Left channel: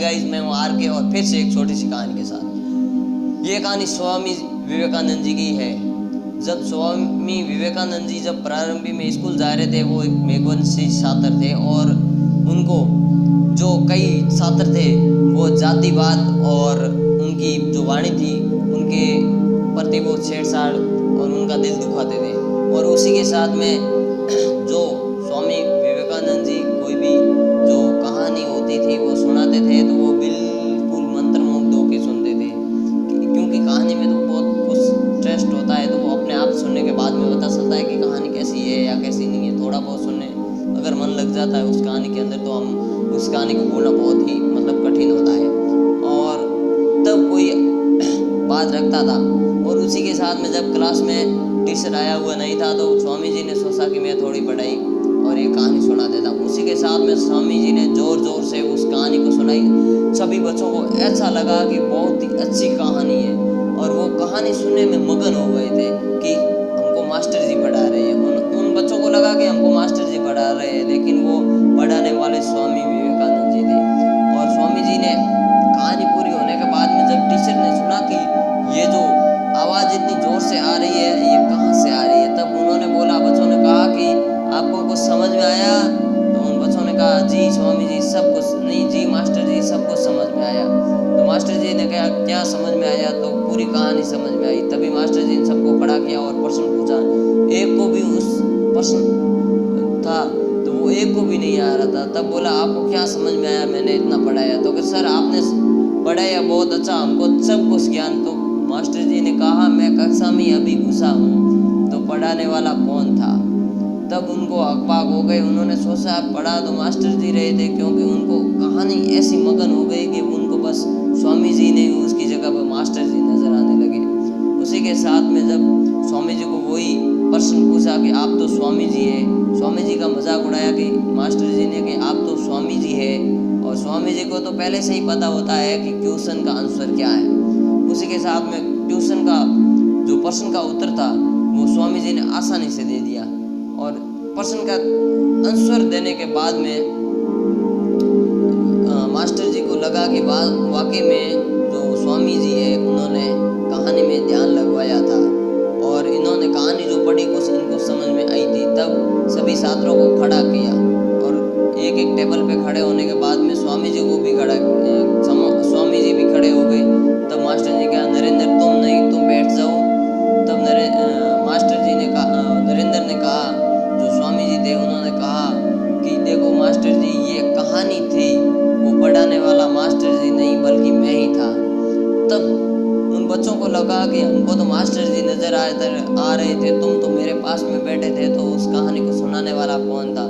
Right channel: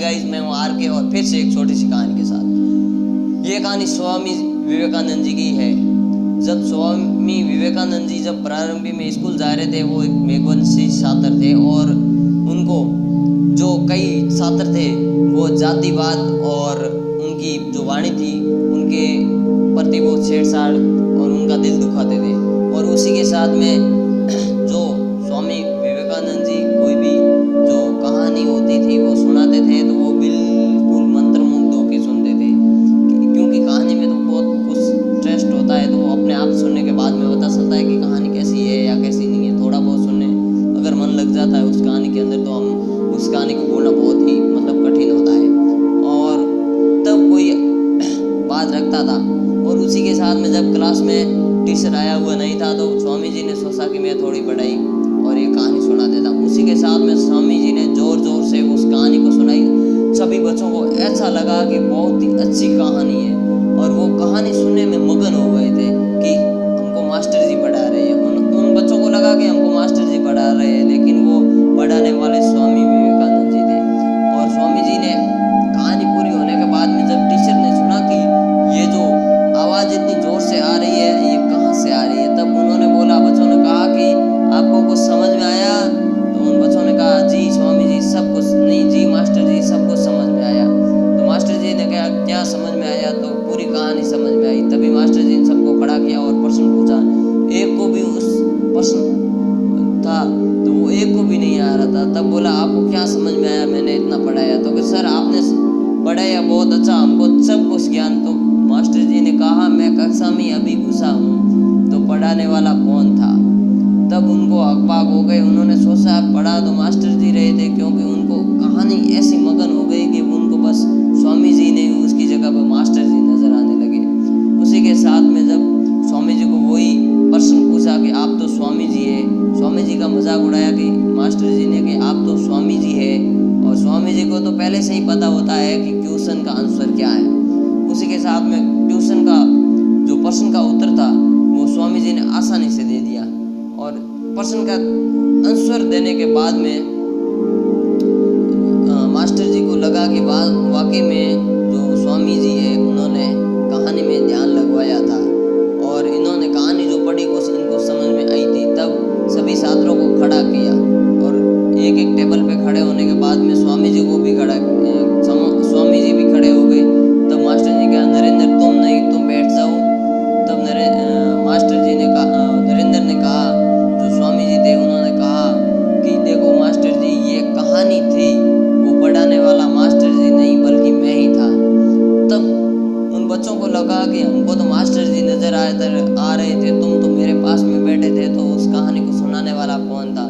Guys, मैं हूँ are के और फिर से एक छोटी सी कहानी के साथ। ये कहानी स्वामी विवेकानंद जी की है। जब स्वामी विवेकानंद जी जब प्रारंभिक में स्कूल जा रहे थे, वो एक मेघवंशी छात्र थे और उनको जो कई छात्र थे वो जातिवाद और उनकी जो वाणी थी उनके प्रति वो छेड़छाड़ और उनका दिल दुखाते थे। और उसी के साथ में जो स्वामी विवेकानंद जी कोई भी जो कहानी होती थी वो सुनाते थे तो वो बिल्कुल मंत्रमुग्ध होकर सुनते थे, क्योंकि कहानी में तो बहुत कुछ ट्रस्ट होता है, तो वो अपने आप सुनने के बाद में पता चलता है कि कहानी कैसी है या कैसी नहीं है। थोड़ा बहुत सुनने अगर मन लग जाता है उस कहानी के अंदर तो हम उस कहानी को बोलना बहुत ही कठिन होता है। और तब कोई बात रखता था और उसी के साथ में जब क्लास में टीचर आया हुआ नहीं था तो स्वामी जी ने सोचा कि मैं थोड़ी पढ़ाई और ये कहानी सुना देता हूँ। उसी के साथ में स्वामी जी ने जोर जोर से उस कहानी को सुनाई। सभी बच्चों को ऐसा लगा कि बहुत ही अच्छी कहानी है और वो कहानी सुनने में मगन हो गए थे कि हमको मास्टर जी पढ़ा रहे हैं। उन बच्चों को लगा कि हमको मास्टर जी पढ़ा रहे हैं, लेकिन वो पढ़ाने वाले स्वामी विवेकानंद जी थे। और स्वामी जी ने कहानी पूरी होने के बाद में जब टीचर ने सुना कि ये जो आवाज़ इतनी ज़ोर से आ रही है ये कहाँ से आ रही है, तब उन्होंने बोला, बच्चों ने कहा कि आपको कुछ समझ में आया? तो उन बच्चों ने कहा जी स्वामी जी सब कुछ नहीं, जी मास्टर जी सब कुछ समझ में आया। तो मास्टर जी ने कहा क्या समझ में आया? तो पूरी कहानी समझ में आई। तभी मास्टर जी ने सबको खड़ा किया और प्रश्न पूछा। एक को भी उस प्रश्न था तो वो एक को भी नहीं आ रहा था। तब बोला आपको क्या समझ में आया मैंने इतना पढ़ाया? तो कि सर आपने पढ़ाया बहुत अच्छा, हमको सब कुछ ज्ञान। तो मास्टर जी ने कहा मैं कक्षा में अभी घुसा हूँ तो पढ़ाने वाला कौन था? तब उनको अकबाक हो गए। उन्होंने सोचा पढ़ा तो मास्टर जी रहे थे, क्योंकि उनको कहानी ऐसी मगन हो गई कि उनको बस स्वामी जी ने उसकी जगह पर मास्टर जी नजर आने लगे। उसी के साथ में जब स्वामी जी को वही प्रश्न पूछा कि आप तो स्वामी जी है, स्वामी जी का मजाक उड़ाया कि मास्टर जी ने कि आप तो स्वामी जी है। और स्वामी जी को तो पहले से ही पता होता है कि क्वेश्चन का आंसर क्या है। उसी के साथ में ट्यूशन का जो प्रश्न का उत्तर था वो स्वामी जी ने आसानी से दे दिया। और प्रश्न का आंसर देने के बाद में मास्टर जी को लगा कि वाकई में जो स्वामी जी है उन्होंने कहानी में ध्यान लगवाया था और इन्होंने कहानी जो पढ़ी कुछ इनको समझ में आई थी। तब सभी छात्रों को खड़ा किया और एक एक टेबल पे खड़े होने के बाद में स्वामी जी को भी स्वामी जी भी खड़े हो गए। तब मास्टर जी कहा नरेंद्र तुम नहीं, तुम बैठ जाओ। तब मास्टर जी ने कहा, नरेंद्र ने कहा, जो स्वामी जी थे उन्होंने कहा कि देखो मास्टर जी ये कहानी थी, वो पढ़ाने वाला मास्टर जी नहीं बल्कि मैं ही था। तब उन बच्चों को लगा कि हमको तो मास्टर जी नजर आ रहे थे, तुम तो मेरे पास में बैठे थे, तो उस कहानी को सुनाने वाला कौन था?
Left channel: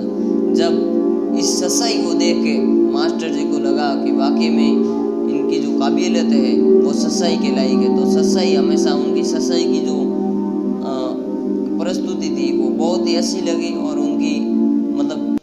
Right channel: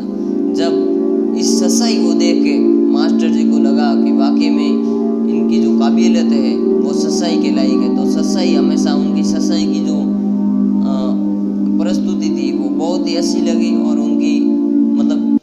जब इस सच्चाई को देख के मास्टर जी को लगा कि वाकई में इनकी जो काबिलियत है वो सच्चाई के लायक है। तो सच्चाई हमेशा उनकी सच्चाई की जो प्रस्तुति थी वो बहुत ही अच्छी लगी और उनकी